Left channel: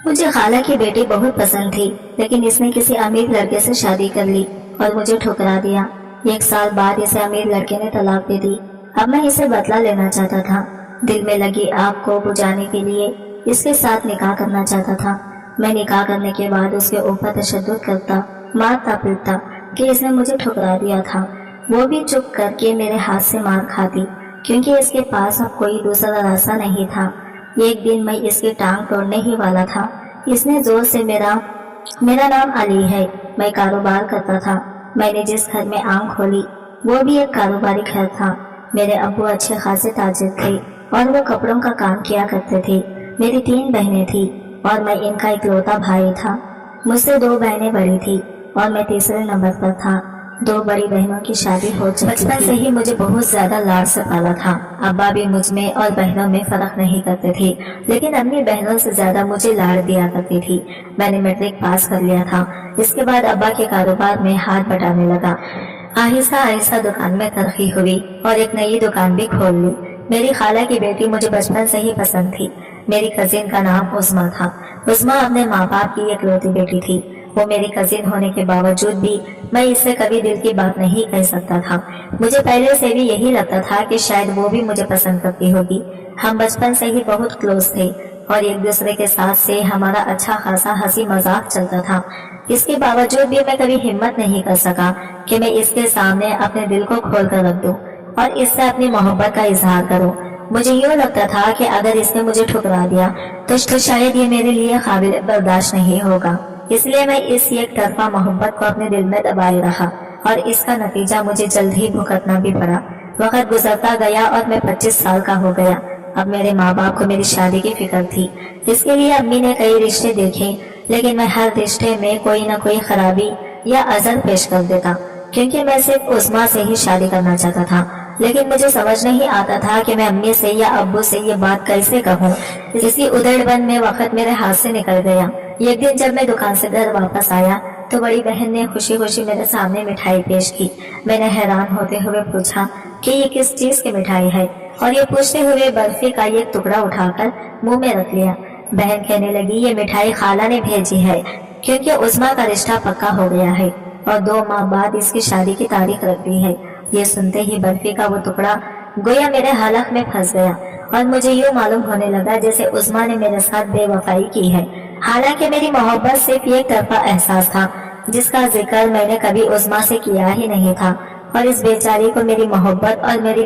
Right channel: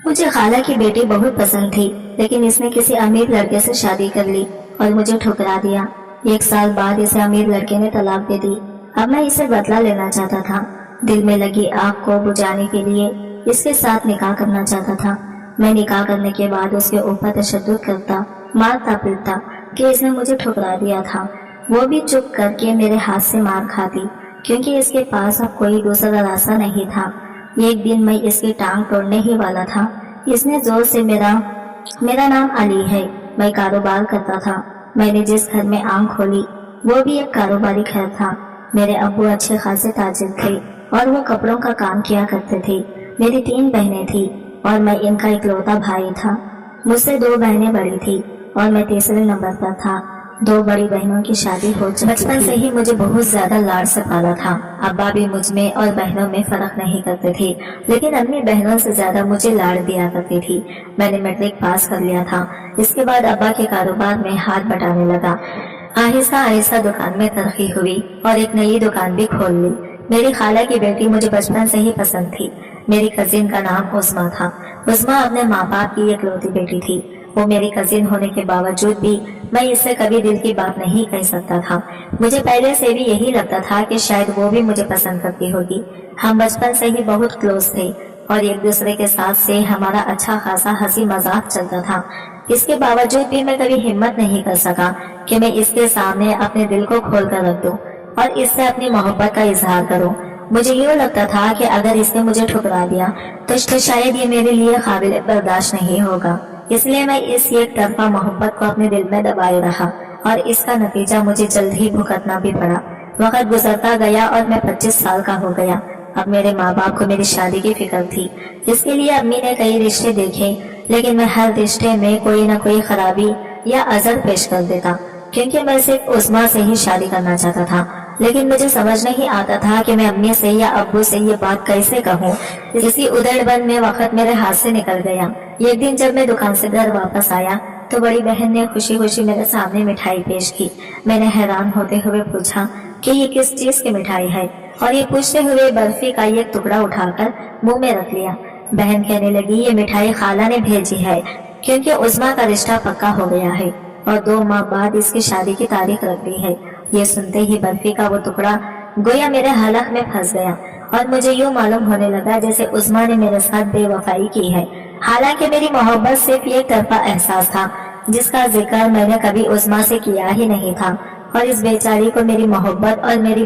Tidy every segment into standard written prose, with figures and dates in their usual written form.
मुझे खाला की बेटी बहुत पसंद थी, लेकिन इसने किसी अमीर लड़के से शादी कर ली और मुझे ठुकरा दिया। 1 साल बाद इसे अमीर लड़के ने तलाक दे दी। अब मैं इसे बदला लेना चाहता था। दिल में लगी आग को बुझाने के लिए इसके साथ निकाह करना चाहता था। मैं निकाह करने के बाद उसके ऊपर तशद्दुद करता, मारता पीटता कि इसने मुझे ठुकरा दिया था। वो भी चुप करके मेरे हाथ से मार खाती, क्योंकि इसके पास अब कोई दूसरा रास्ता नहीं था। एक दिन मैं इसकी टांग तोड़ने ही वाला था। इसने जोर से मेरा नाम अली है, मैं कारोबार करता था। मैंने जिस घर में आंख खोली वो भी एक कारोबारी घर था। मेरे अब्बू अच्छे खासे ताजिर थे और वो कपड़ों का काम किया करते थे। मेरी 3 बहनें थी और मैं इनका इकलौता भाई था। मुझसे 2 बहनें बड़ी थी और मैं तीसरे नंबर पर था। 2 बड़ी बहनों की शादी हो चुकी थी। बचपन से ही मुझे बहुत ज्यादा लाड से पाला था। अब्बा भी मुझ में और बहनों में फर्क नहीं करते थे, लेकिन अम्मी बहनों से ज्यादा मुझे लाड दिया करती थी। मैंने मैट्रिक पास कर लिया था। इसके बाद अब्बा के कारोबार में हाथ बटाने लगा। आहिस्ता आहिस्ता दुकान में तरक्की हुई और एक नई दुकान भी खोल ली। मेरी खाला की बेटी मुझे बचपन से ही पसंद थी। मेरी कजिन का नाम उस्मा था। उस्मा अपने माँ बाप की इकलौती बेटी थी। वो मेरी कजिन होने के बावजूद भी मैं इससे कभी दिल की बात नहीं कह सकता था। मुझे पहले से भी यही लगता था कि शायद वो भी मुझे पसंद करती होगी। हम बचपन से ही बहुत क्लोज थे और एक दूसरे के साथ से हमारा अच्छा खासा हंसी मजाक चलता था। इसके बावजूद भी मैं कभी हिम्मत नहीं कर सका कि मैं इसके सामने अपने दिल को खोल कर रख दूं और इससे अपनी मोहब्बत का इजहार करूं। मुझे यूँ लगता था कि अगर इसने मुझे ठुकरा दिया तो शायद ये मेरे लिए काबिल बर्दाश्त नहीं होगा। इसलिए मैं इस एक तरफा मोहब्बत को अपने दिल में दबाए रहा और इसका नतीजा मुझे जल्द ही भुगतना भी पड़ा। वक्त गुजरता गया और मैं 25 साल का हो गया। अब मेरे माँ बाप को मेरी शादी की फिक्र थी। इसके लिए अम्मी ने कई रिश्ते देखे, लेकिन मैं हर रिश्ते में कोई न कोई खराबी या अजर पेश कर देता, क्योंकि मैं सिर्फ उस्मा से ही शादी करना चाहता था। लेकिन मुझे समझ नहीं आता था कि मैं अम्मी से या अब्बू से ये बात कैसे कहूँ। इसी उधेड़बन में वक्त मेरे हाथ से निकल गया। एक दिन जब मैं दुकान से घर वापस आया तो बड़ी बहन ने खुशी खुशी मेरे सामने मिठाई पेश की। मैंने हैरान होते हुए पूछा कि ये किस चीज की मिठाई है, और ये पूछते हुए बर्फी का एक टुकड़ा उठाकर मुंह में रख लिया। बहन कहने लगी, ये मिठाई खाला ने भेजी है, क्योंकि उस्मा का रिश्ता पक्का हो गया है और 2 माह बाद इसकी शादी की तारीख रख दी है। ये सुनते ही बर्फी का वो टुकड़ा गोया मेरे हलक में फंस गया और मुझे यूँ मालूम होने लगा जैसे उस्मा ने मेरे साथ बेवफाई की है। हालांकि मेरी मोहब्बत सिर्फ एक तरफा एहसास था, जिसका जिक्र मैंने कभी उस्मा से किया ही नहीं था, और इस बेचारी को मेरी मोहब्बत और मेरी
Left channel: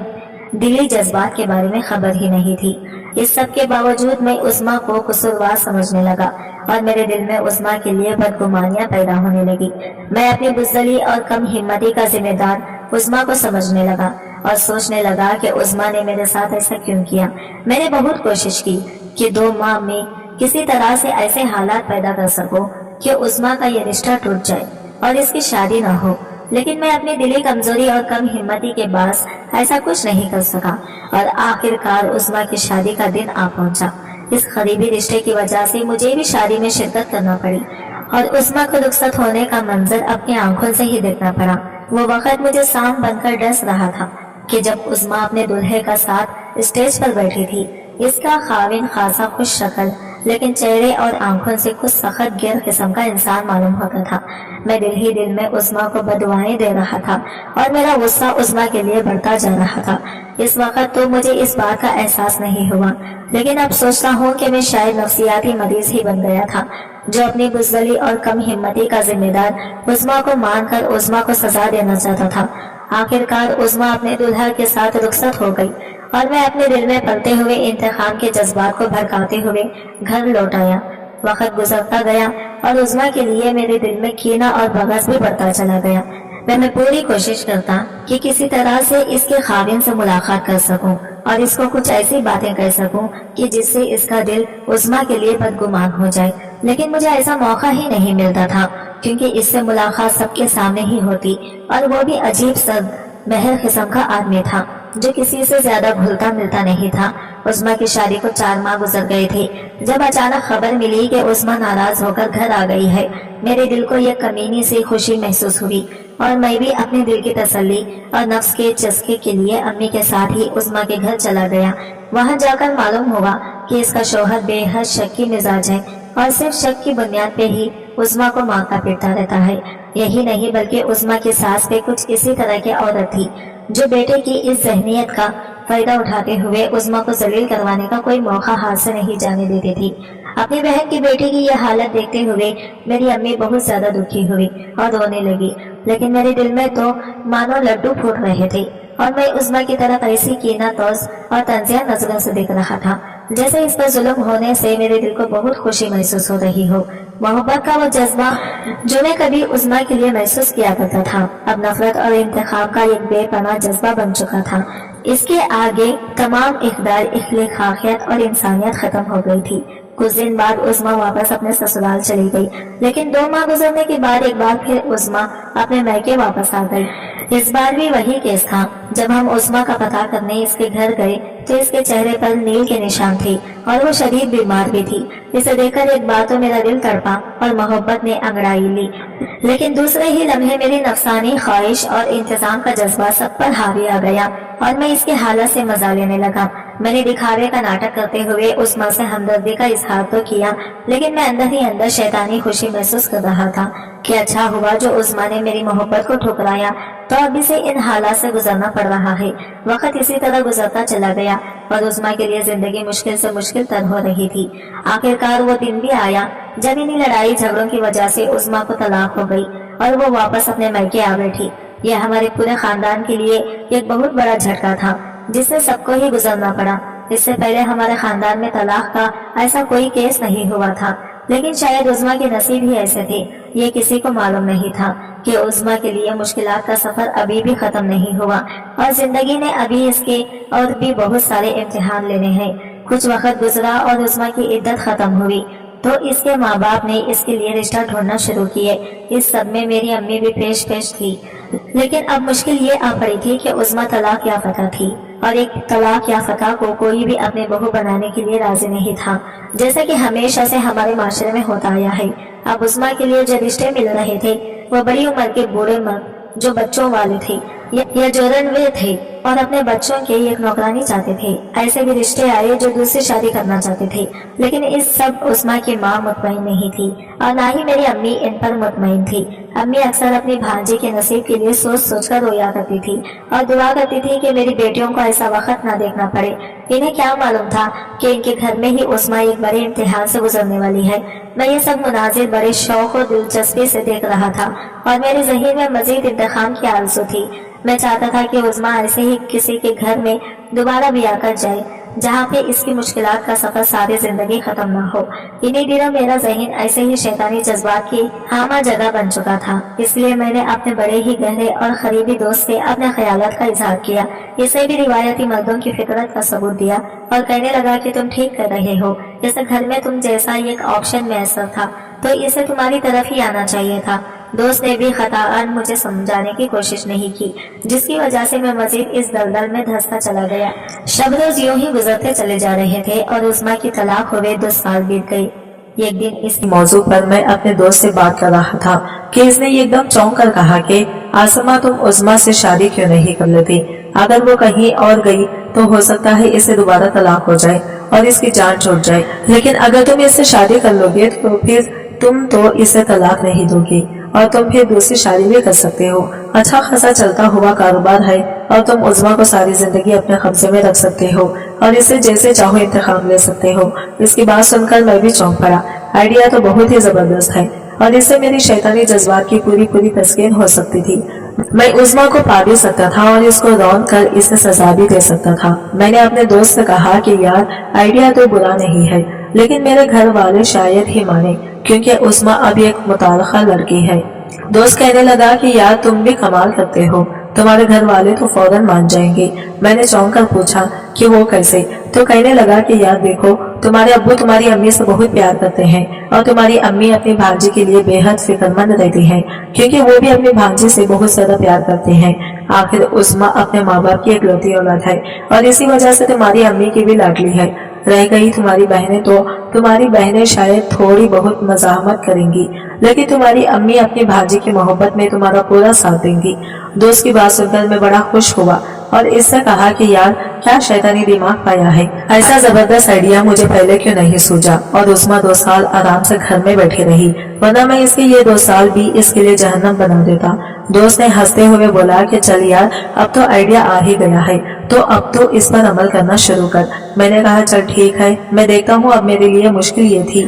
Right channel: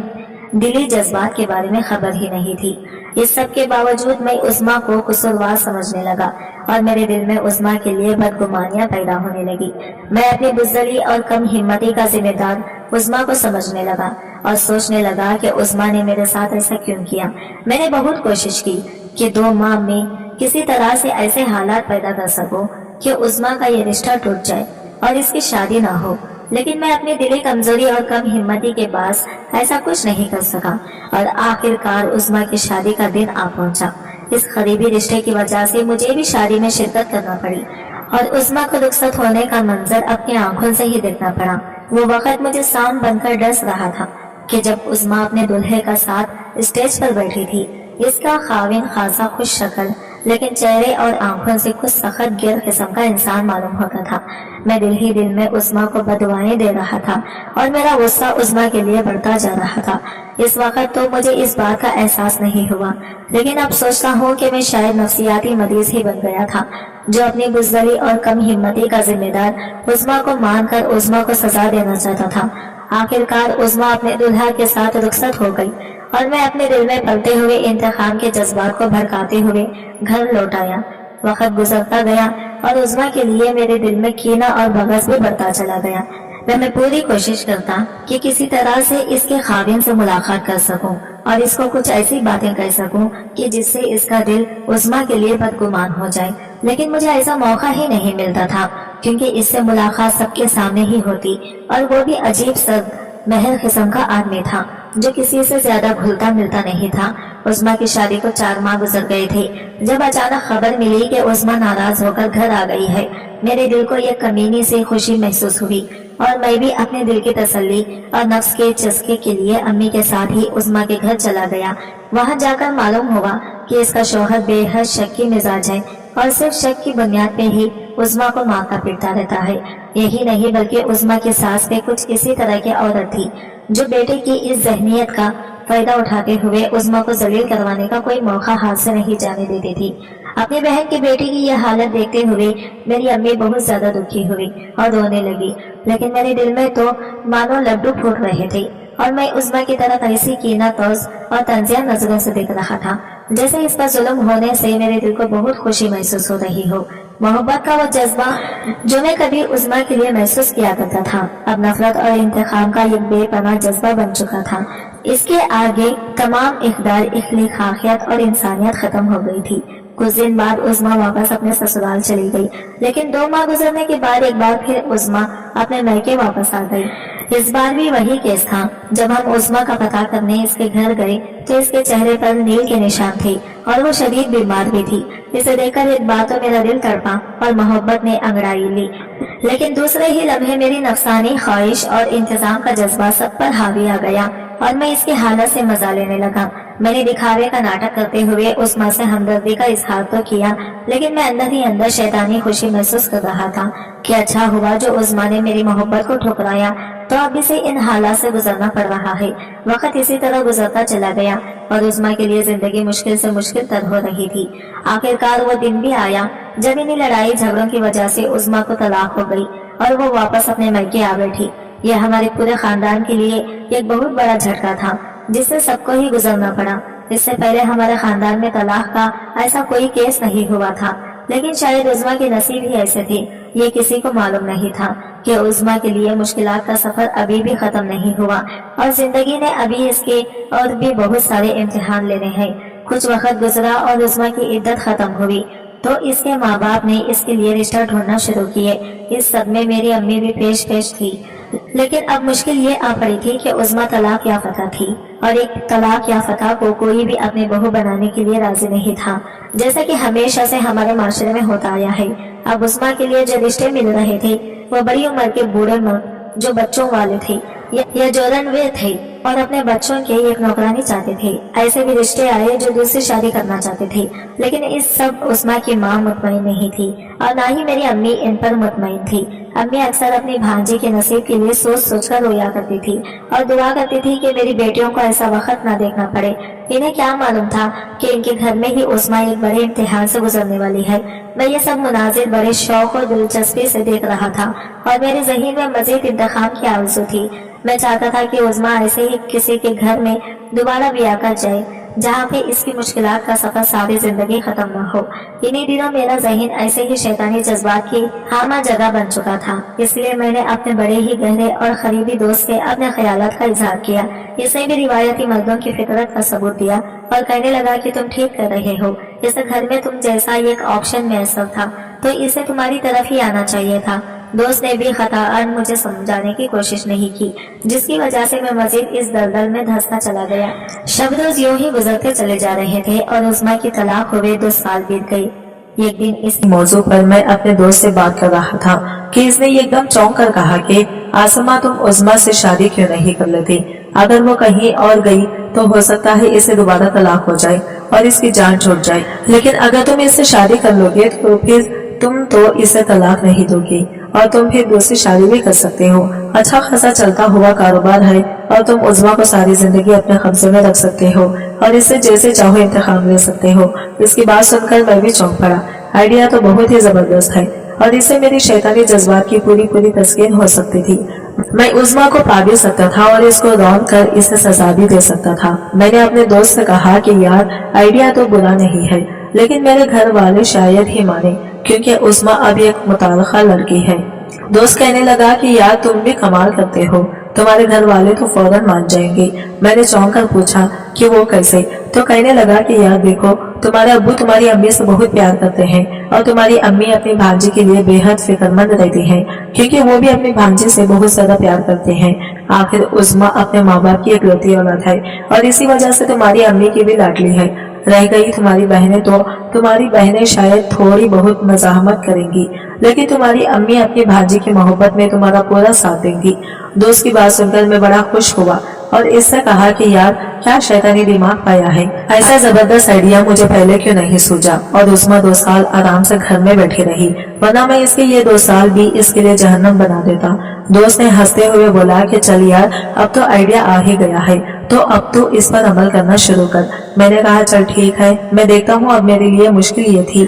दिली जज्बात के बारे में खबर ही नहीं थी। इस सब के बावजूद मैं उस्मा को कसूरवार समझने लगा और मेरे दिल में उस्मा के लिए बदगुमानियां पैदा होने लगी। मैं अपनी बुज़दली और कम हिम्मती का जिम्मेदार उस्मा को समझने लगा और सोचने लगा कि उस्मा ने मेरे साथ ऐसा क्यों किया। मैंने बहुत कोशिश की कि 2 माह में किसी तरह से ऐसे हालात पैदा कर सकूं कि उस्मा का ये रिश्ता टूट जाए और इसकी शादी न हो, लेकिन मैं अपनी दिली कमजोरी और कम हिम्मती के बास ऐसा कुछ नहीं कर सका और आखिरकार उस्मा की शादी का दिन आ पहुंचा। इस करीबी रिश्ते की वजह से मुझे भी शादी में शिरकत करना पड़ी और उस्मा को रुखसत होने का मंजर अपनी आंखों से ही देखना पड़ा। वो वक्त मुझे सांप बनकर डस रहा था कि जब उस्मा अपने दुल्हे का साथ स्टेज पर बैठी थी। इसका खाविन खासा खुश शक्ल, लेकिन चेहरे और आंखों से कुछ सख्त गिर किस्म का इंसान मालूम होता था। मैं दिल ही दिल में उस्मा को बदुआएं दे रहा था और मेरा गुस्सा उस्मा के लिए बढ़ता जा रहा था। इस वक्त तो मुझे इस बात का एहसास नहीं हुआ, लेकिन अब सोचता हूँ कि मैं शायद नफ्सियाती मरीज ही बन गया था, जो अपनी बुज़दली और कम हिम्मती का जिम्मेदार उस्मा को मानकर उस्मा को सजा देना चाहता था। आखिरकार उस्मा अपने दुल्हा के साथ रुखसत हो गई और मैं अपने दिल में पलते हुए इंतकाम के जज्बात को भड़काते हुए घर लौट आया। वक्त गुजरता गया और उस्मा के लिए मेरे दिल में कीना और बग़ज़ भी बढ़ता चला गया। मैं पूरी कोशिश करता कि किसी तरह से इसके खाविन से मुलाकात कर सकूं और इसको कुछ ऐसी बातें कह सकूं कि जिससे इसका दिल उस्मा के लिए बदगुमान हो जाए, लेकिन मुझे ऐसा मौका ही नहीं मिलता था, क्योंकि इससे मुलाकात सबके सामने ही होती और वो भी अजीब सा महर किस्म का आदमी था जो किसी से ज्यादा घुलता मिलता नहीं था। उस्मा की शादी को 4 माह गुजर गए थे जब अचानक खबर मिली कि उस्मा नाराज होकर घर आ गई है। मेरे दिल को एक कमीनी से खुशी महसूस हुई और मैं भी अपने दिल की तसल्ली और नफ्स के चस्के के लिए अम्मी के साथ ही उस्मा के घर चला गया। वहां जाकर मालूम हुआ कि इसका शौहर बेहद शक्की मिजाज है और सिर्फ शक की बुनियाद पे ही उज़्मा को मारता पीटता रहता है। यही नहीं बल्कि उज़्मा की सास पे कुछ इसी तरह की औरत थी जो बेटे की इस जहनीत का फायदा उठाते हुए उज़्मा को जलील करवाने का कोई मौका हाथ से नहीं जाने देती थी। अपनी बहन की बेटी की यह हालत देखते हुए मेरी अम्मी बहुत ज्यादा दुखी हुई और रोने लगी, लेकिन मेरे दिल में तो मानो लड्डू फूट रहे थे और मैं उज़्मा की तरफ ऐसी कीना तौज और तंजिया नजरों से देख रहा था जैसे इस पर जुल्म होने से मेरे दिल को बहुत खुशी महसूस हो रही हो। मोहब्बत का वो जज्बा जो मैं कभी उज़्मा के लिए महसूस किया करता था अब नफरत और इंतकाम का एक बेपनाह जज्बा बन चुका था। इसके आगे तमाम इक़दार, इख्लाकियत और इंसानियत खत्म हो गई थी। कुछ दिन बाद उज़्मा वापस अपने ससुराल चली गई, लेकिन 2 माह गुजरने के बाद एक बार फिर उज़्मा अपने मैके वापस आ गई। इस बार भी वही केस था। जब हम उज़्मा का पता करने इसके घर गए तो इसके चेहरे पर नील के निशान थे और वो शदीद बीमार भी थी। इसे देखकर एक बार तो मेरा दिल तड़पा और मोहब्बत ने अंगड़ाई ली, लेकिन दूसरे ही लम्हे मेरी नफसानी ख्वाहिश और इंतजाम का जज्बा सब पर हावी आ गया और मैं इसकी हालत से मजा लेने लगा। मैंने दिखावे का नाटक करते हुए उज़्मा से हमदर्दी का इजहार तो किया, लेकिन मैं अंदर ही अंदर शैतानी खुशी महसूस कर रहा था कि अच्छा हुआ जो उज़्मा ने मेरी मोहब्बत को ठुकराया तो अब इसे इन हालात से गुजरना पड़ रहा है। वक्त इसी तरह गुजरता चला गया और उज़्मा के लिए जिंदगी मुश्किल से मुश्किल तर हो रही थी। आखिरकार वो दिन भी आया जब इन्हीं लड़ाई झगड़ों की वजह से उज़्मा को तलाक हो गई और वो वापस अपने मैके आ बैठी। यह हमारे पूरे खानदान के लिए एक बहुत बड़ा झटका था जिससे सबको ही गुजरना पड़ा। इससे पहले हमारे खानदान में तलाक का ऐसा कोई केस नहीं हुआ था, लेकिन शायद उज़्मा के नसीब ही ऐसे थे। ये किसी को मालूम नहीं था कि उज़्मा के लिए मुश्किलात का सफर अभी भी खत्म नहीं हुआ और जिंदगी ने अभी इसके और भी बहुत सारे इम्तिहान लेने हैं। कुछ वक्त गुजरा और उज़्मा की इद्दत खत्म हुई तो इसके माँ बाप ने इसके लिए रिश्ता ढूंढना शुरू किए। इस सब में मेरी अम्मी भी पेश थी, लेकिन अब मुश्किल ये आ पड़ी थी कि उज़्मा तलाक याफ्ता थी और एक तलाक याफ्ता को कोई भी अपने बहू बनाने के लिए राजी नहीं था, जैसा कि हमेशा से हमारे माशरे में होता आया है। अब उज़्मा के लिए जो रिश्ते मिल रहे थे वो बड़ी उम्र के बूढ़े मर्द जो बच्चों वाले थे या जो रनवे थे और अपने बच्चों के एक नौकरानी चाहते थे। ऐसे भी रिश्ते आए जो दूसरी शादी करना चाहते थे, लेकिन इस सब उज़्मा की माँ मुतमईन नहीं थी और ना ही मेरी अम्मी इन पर मुतमईन थी। अम्मी अक्सर अपनी भांजी के नसीब के लिए सोच सोच कर रोया करती थी और दुआ करती थी कि मेरी बेटियों को ऐसा वक्त ना देखना पड़े। इन्हें क्या मालूम था कि इनके घर में ही उज़्मा एक बड़े इम्तिहान से गुजरने वाली है। मैं ये सब मुनाजिर बड़े शौक और दिलचस्पी से देख रहा था और मेरे ज़हीन में मजीद इंतखाम की आरज़ू थी। मैं चाहता था कि उज़्मा ऐसे ही किसी के घर में दोबारा ब्याह कर जाए जहाँ पे इसकी मुश्किलात का सफर सारी जिंदगी खत्म ना हो। इन्हीं दिनों मेरा ज़हीन ऐसे ही शैतानी जज्बात की हामा जगह बन चुका था, इसलिए मैंने अपने बड़े ही गहरे और करीबी दोस्त से अपने ख्यालात का इजहार किया। इसे भी रिवायती मर्दों की फितरत का सबूत दिया और कहने लगा कि तुम ठीक कर रहे हो। इस घर में तुम जैसा एक ऑप्शन मैसर था तो इसे तुम्हारी तरफ ही आना चाहिए था। दोस्त ने भी खताअन मुझे समझाने की कोशिश नहीं की, जिसकी वजह से मैं मजीद इस दलदल में धंसता चला गया। शब रोज यूं ही गुजरते चले जा रहे थे और उज़्मा की तलाक हुए 2 साल बीत गए। एक दिन इस मौजू पर मैं अपने दोस्त से बात कर रहा था कि इसने एकदम चौंक कर कहा कि आसमा तुम उज़्मा से शादी क्यों नहीं कर लेती? अगर वो कहीं और गई तो हो सकता है इसे दोबारा तलाक हो जाए और इसकी जान छूट जाए, लेकिन अगर तुम इससे शादी कर लोगे तो फिर तुम तो इसे तलाक नहीं दोगी और तुम फिर दूसरी शादी भी कर सकते हो। अच्छा खासा चलता हुआ कारोबार है और तुम उज़्मा को सारी जिंदगी अपने कब्जे में रख सकते हो और इससे जैसे चाहो इंतखाम ले सकते हो। इसकी बात सुनकर मैं भी चौंक पड़ा। आइडिया तो बहुत ही जबरदस्त है और इससे मेरी शैतानी जज्बात की पूरी तस्कीन हो सकती थी। मैं उज़्मा को पा भी सकता था और इसको रौंद कर इसे सजा भी दे सकता था। मैंने अपने दोस्त से कहा कि यार आइडिया तो बुरा नहीं है, लेकिन मेरे घर वाले शायद ही माने क्योंकि उज़्मा अब एक मुताल्लिका लड़की है। दोस्त कहने लगा कि यार तुम भी कमाल करते हो, तुम्हारे घर वाले तो फौरन मान जाएंगे। मैंने चौंक कर पूछा कि वो कैसे? तो कहने लगा कि यार देखो, तुम्हारे अब्बू तुम्हारी अम्मी से बहुत प्यार करते हैं और तुम्हारी अम्मी अपनी भांजी के लिए बेहद फिक्रमंद रहती हैं क्योंकि वो भी अपनी भांजी से बहुत ज्यादा प्यार करते हैं। आखिर उज़्मा अपने माँ बाप की इकलौती औलाद है और इसी वजह से तुम्हारी अम्मी की भी लाडली है। रह गई तुम्हारी बहनें, तो तुम्हारी बहनें शायद थोड़ी बहुत मज़ाहमत करेंगी, लेकिन तुम्हारी अम्मी अपनी भांजी की मोहब्बत में तुम्हारा पूरा साथ देंगी। दोस्त की बात सुनकर मैं बड़ा खुश हुआ اور اس سے کہا کہ یار کیا شیطانی دماغ پایا ہے، ایسا زبردست آئیڈیا مجھے پہلے کیوں نہیں سوچا، اور عظمیٰ 2 سال آرام سے گھر میں بیٹھی رہی، ورنہ میں اس کے یہ 2 سال بھی اس کے لیے جہنم بنا دیتا۔ دوست نے ہنستے ہوئے بولا کہ چل یار اب تو آئیڈیا آ ہی گیا ہے تو اب تو اس پر عمل کرنا شروع کر۔ میں نے کہا چل ٹھیک ہے، میں دیکھتا ہوں۔ اب میرے لیے مشکل یہ تھی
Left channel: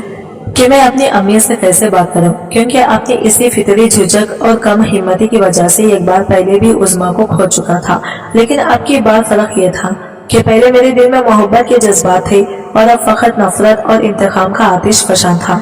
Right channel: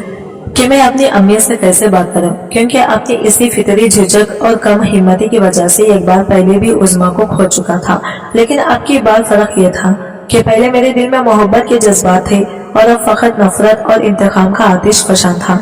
کہ میں اپنی امی سے کیسے بات کروں، کیونکہ اپنی اسی فطری جھجک اور کم ہمتی کی وجہ سے ایک بار پہلے بھی عظمیٰ کو کھو چکا تھا، لیکن اب کی بار فرق یہ تھا کہ پہلے میرے دل میں محبت کے جذبات تھے اور اب فقط نفرت اور انتقام کا آتش فشاں تھا۔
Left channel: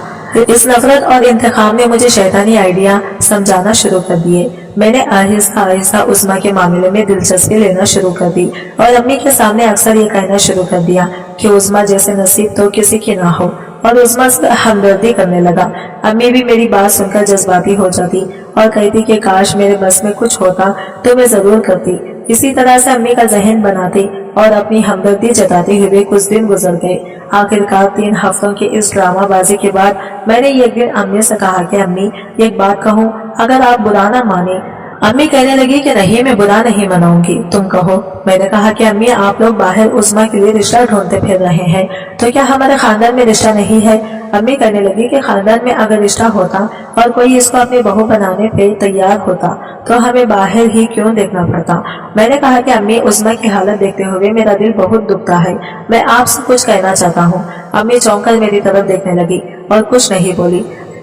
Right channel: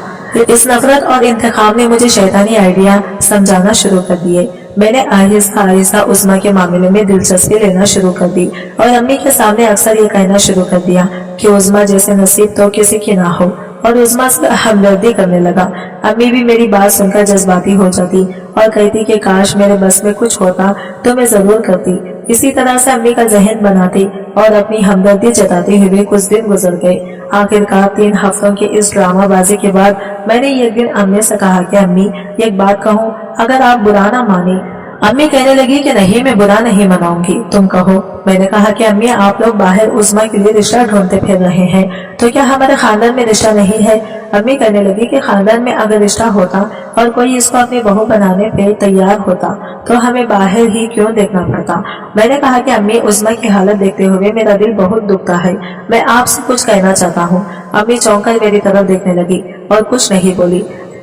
اس نفرت اور انتقام نے مجھے شیطانی آئیڈیا سمجھانا شروع کر دیے۔ میں نے آہستہ آہستہ عظمیٰ کے معاملے میں دلچسپی لینا شروع کر دی اور امی کے سامنے اکثر یہ کہنا شروع کر دیا کہ عظمیٰ جیسے نصیب تو کسی کی نہ ہو، اور عظمیٰ سے ہمدردی کرنے لگا۔ امی بھی میری بات سن کر جذباتی ہو جاتی اور کہتی کہ کاش میرے بس میں کچھ ہوتا تو میں ضرور کرتی۔ اسی طرح سے امی کا ذہن بناتی اور اپنی ہمدردی جتاتے ہوئے کچھ دن گزر گئے۔ آخرکار 3 ہفتوں کی اس ڈرامہ بازی کے بعد میں نے ایک دن امی سے کہا کہ امی ایک بات کہوں، اگر آپ برا نہ مانے۔ امی کہنے لگی کہ نہیں، میں برا نہیں مناؤں گی، تم کہو۔ میں نے کہا کہ امی آپ لوگ باہر عظمیٰ کے لیے رشتہ ڈھونڈتے پھر رہے ہیں تو کیا ہمارے خاندان میں رشتہ نہیں ہے؟ امی کہنے لگی کہ خاندان میں اگر رشتہ ہوتا اور کوئی اس کو اپنی بہو بنانے پہ تیار ہوتا تو ہمیں باہر ہی کیوں دیکھنا پڑتا؟ میں نے کہا کہ امی عظمیٰ کی حالت دیکھتے ہوئے میرا دل بہت دکھتا ہے، میں آپ سے کچھ کہنا چاہتا ہوں۔ امی چونک کر میری طرف دیکھنے لگی اور کچھ نہیں بولی۔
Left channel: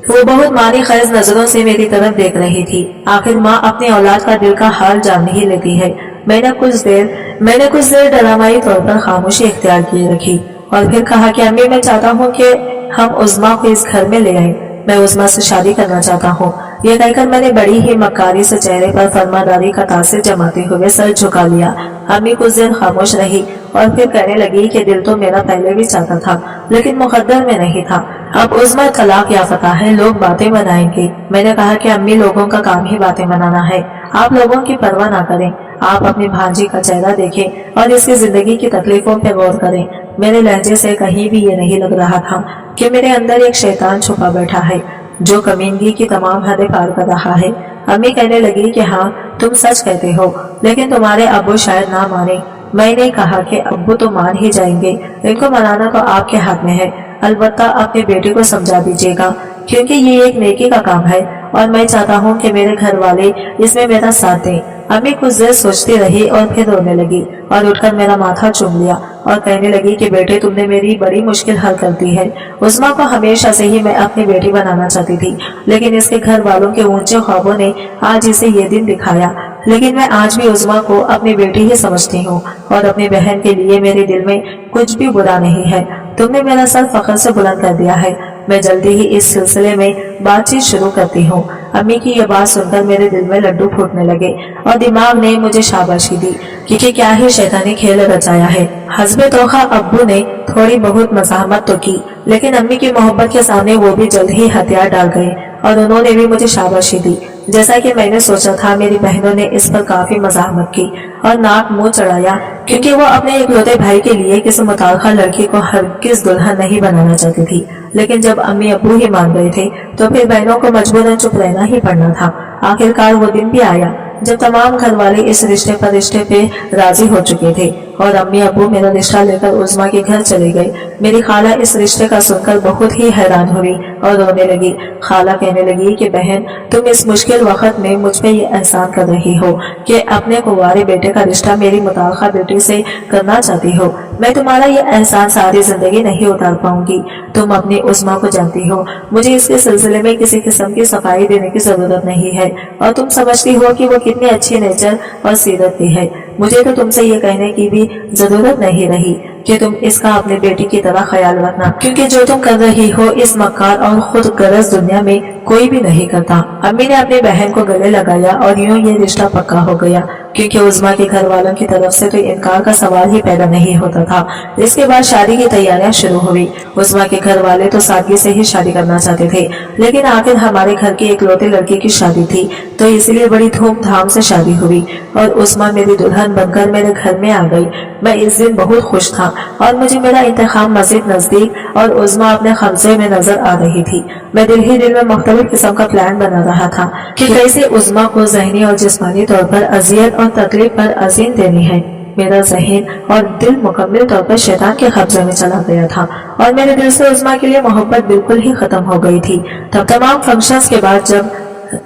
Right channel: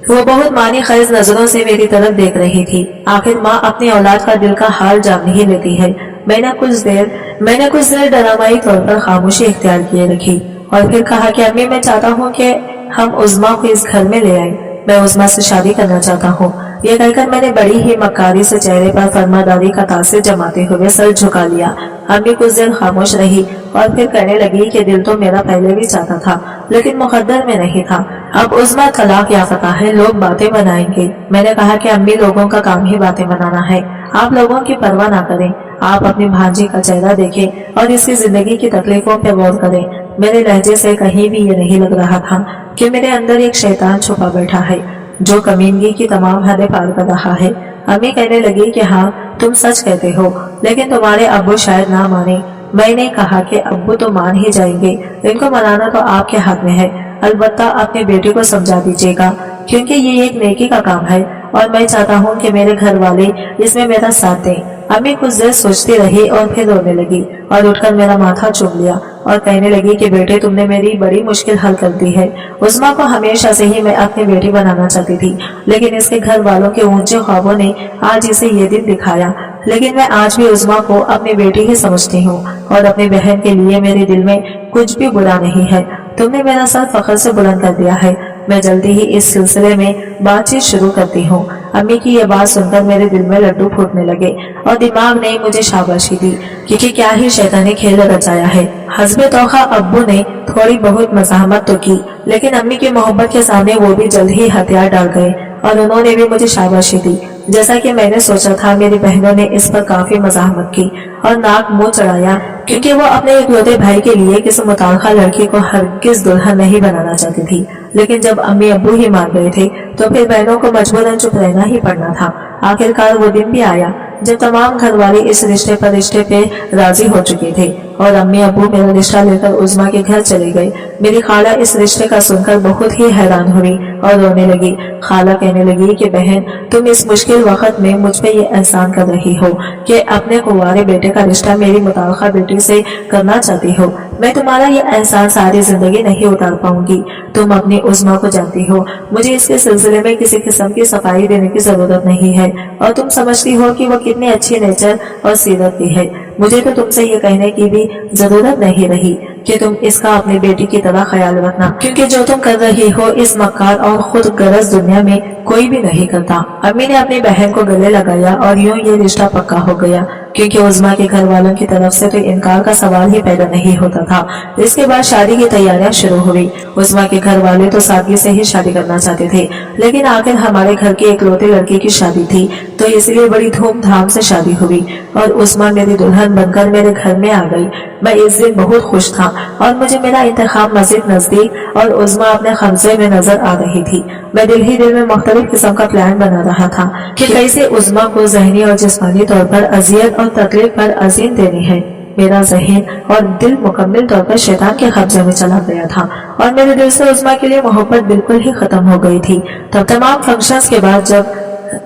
وہ بہت معنی خیز نظروں سے میری طرف دیکھ رہی تھی۔ آخر ماں اپنی اولاد کا دل کا حال جان ہی لیتی ہے۔ میں نے کچھ دیر ڈرامائی طور پر خاموشی اختیار کیے رکھی اور پھر کہا کہ امی میں چاہتا ہوں کہ ہم عظمیٰ کو اس گھر میں لے آئیں، میں عظمیٰ سے شادی کرنا چاہتا ہوں۔ یہ کہہ کر میں نے بڑی ہی مکاری سے چہرے پر فرماداری کا تاثر جماتے ہوئے سر جھکا لیا۔ امی کچھ دیر خاموش رہی اور پھر کہنے لگی کہ دل تو میرا پہلے بھی چاہتا تھا لیکن مقدر میں نہیں تھا۔ اب عظمیٰ طلاق یافتہ ہے، لوگ باتیں بنائیں گے۔ میں نے کہا کہ امی لوگوں کا کام ہی باتیں بنانا ہے، آپ لوگوں کی پرواہ نہ کریں، آپ اپنی بھانجی کا چہرہ دیکھیں اور اس کی زندگی کی تکلیفوں پہ غور کریں۔ میرے لہجے سے کہیں بھی یہ نہیں لگ رہا تھا کہ میرے اندر ایک شیطان چھپا بیٹھا ہے جو کمینگی کی تمام حدیں پار کر رہا ہے۔ امی کہنے لگی کہ ہاں تم سچ کہتے ہو، لیکن تمہارے ابو شاید نہ مانے۔ میں نے کہا کہ ابو تو مان ہی جائیں گے، ان کو منانا تو آپ کے ہاتھ میں ہے، البتہ اپنے بیٹے کو سمجھا دیجیے گا کیونکہ یہ ایک نیکی کا کام ہے اور میں چاہتا ہوں کہ میرے گھر والے اس میں میرا ساتھ دیں۔ امی کچھ دیر سوچتی رہی اور پھر رونے لگی اور اٹھ کر میرا ماتھا چوم لیا اور کہنے لگی کہ بیٹے تم نے میری بڑی مشکل حل کر دی ہے۔ عظمیٰ کو ہمیشہ سے ہی میں اپنی بیٹی بنانا چاہتی تھی، لیکن اس کے گھر والوں کے اونچے خوابوں نے آج اسے یہ دن دکھایا، لیکن میں آج بھی عظمیٰ کو اپنی بیٹی ہی سمجھتی ہوں اور اپنی بہن کے لیے میرے دل میں کچھ بھی برا نہیں ہے۔ تم نے میرا سر فخر سے بلند کر دیا ہے، میں جلدی ہی اس سلسلے میں بات چیت شروع کرتی ہوں۔ امی کی یہ بات سن کر میرے دل میں لڈو پھوٹنے لگے اور دماغ نے مجھے شاباشی دی کہ کیا ہی شیطانی کھیل رچایا ہے۔ حسب توقع ابو نے تھوڑی بہت مزاحمت تو کی، لیکن امی کی محبت کے سامنے وہ بھی جلد ہی ہتھیار ڈال گئے اور انہوں نے بھی مجھے شاباشی دی۔ جیسا کہ میں نے سوچا تھا، میری بہنوں نے اس پر کافی مزاحمت کی اور ناک منہ چڑھایا کیونکہ وہ اپنے اکلوتے بھائی کے لیے کسی متعلقہ لڑکی کو ہرگز دلہن نہیں بنانا چاہتی تھی، لیکن جب امی ابو ہی مان گئے تھے تو پھر بہنوں کو مجبوراً چپ رہنا ہی پڑنا تھا۔ آخرکار وہ دن بھی آیا جب تمام گھر والے اس رشتے پہ راضی ہو چکے تھے اور امی ابو میرا رشتہ لے کر عظمیٰ کے گھر چلے گئے۔ میری خالہ اس رشتے کا سن کر بہت ہی حیران ہوئی اور رونے لگی۔ خالہ کہنے لگی کہ بہن تم اس مشکل وقت میں مجھ پہ یہ احسان کر رہی ہو کہ اپنے کنوارے بیٹے کا رشتہ میری متعلقہ بیٹی سے کرنا چاہتی ہو، میں تمہارا یہ احسان ساری زندگی نہیں اتار پاؤں گی۔ تم اپنی عظمیٰ کو جانتی ہو، مجھے اس کے سلسلے میں کسی قسم کی صفائی دینے کی ضرورت نہیں ہے اور تم سمجھتی ہو کہ وہ کتنی اچھی نیچر اور سیرت کی ہے۔ مجھے تو تم سے یہ کہنے کی بھی ضرورت نہیں رہی کہ تم اس کا اپنی بیٹی کی طرح خیال رکھنا، کیونکہ جو تم کر رہی ہو اس مکار اور خود غرض دنیا میں کوئی بھی نہیں کرتا۔ امی نے اپنی بہن کو گلے لگایا اور یوں یہ رشتہ پکا ہو گیا، کیونکہ عظمیٰ کے گھر والوں کی طرف سے تو انکار کا سوال ہی پیدا نہیں ہوتا تھا۔ اس کے بعد شادی کی تیاریاں شروع ہوئی۔ عظمیٰ کے گھر والے تو سادگی سے ہی شادی کرنا چاہتے تھے، لیکن آخر ہمارے گھر کی اکلوتے لڑکی کی شادی تھی تو اس لیے بڑی دھوم دھام سے شادی ہوئی اور عظمیٰ میری دلہن بن کر میرے گھر میں آ گئی۔ میں اس دن بہت خوش تھا اور مجھے میرا انتخاب مزید نزدیک اور عظمیٰ اپنے قبضے میں نظر آ رہی تھی۔ میں دل ہی دل میں مختلف قسم کا پلان بنا رہا تھا کہ کیسے عظمیٰ کو ذہنی اور جسمانی طور پر اذیت और तकलीफ पर अजीम देनी है। मेरा जहन और दिल मुकम्मल तौर पर शैतान के कब्जे में चला गया था और मेरे दिल से उस्मा के लिए मोहब्बत बिल्कुल ही खत्म हो गई थी। तब तमाम फंक्शंस के बाद जब